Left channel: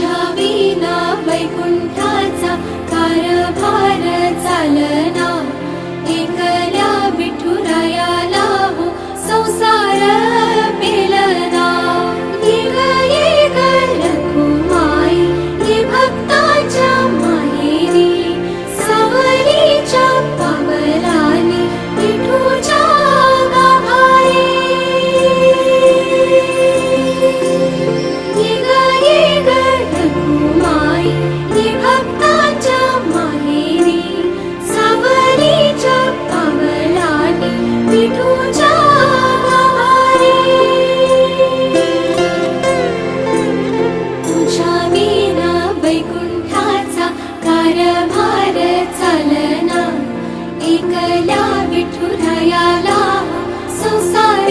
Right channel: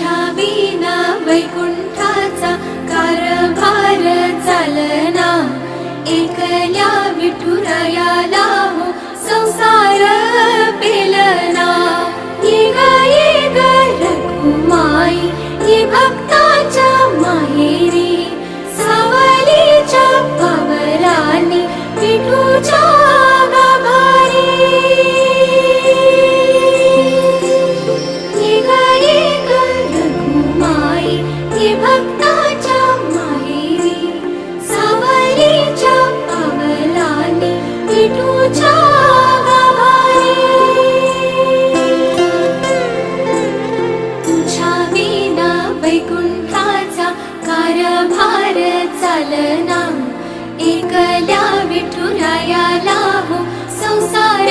तुझ्या विना वैकुंठाचा कारभार चालना, एकल्या विठुरायाला हो संसार पेलना। ये ग रघुमाई ये भक्ताच्या माहेरी, सावलीच्या पावलांनी विठूच्या गाभारी। ये ग रघुमाई ये भक्ताच्या माहेरी, सावलीच्या पावलांनी विठूच्या गाभारी। तुझ्या विना वैकुंठाचा कारभार चालना, एकल्या विठुरायाला हो संसार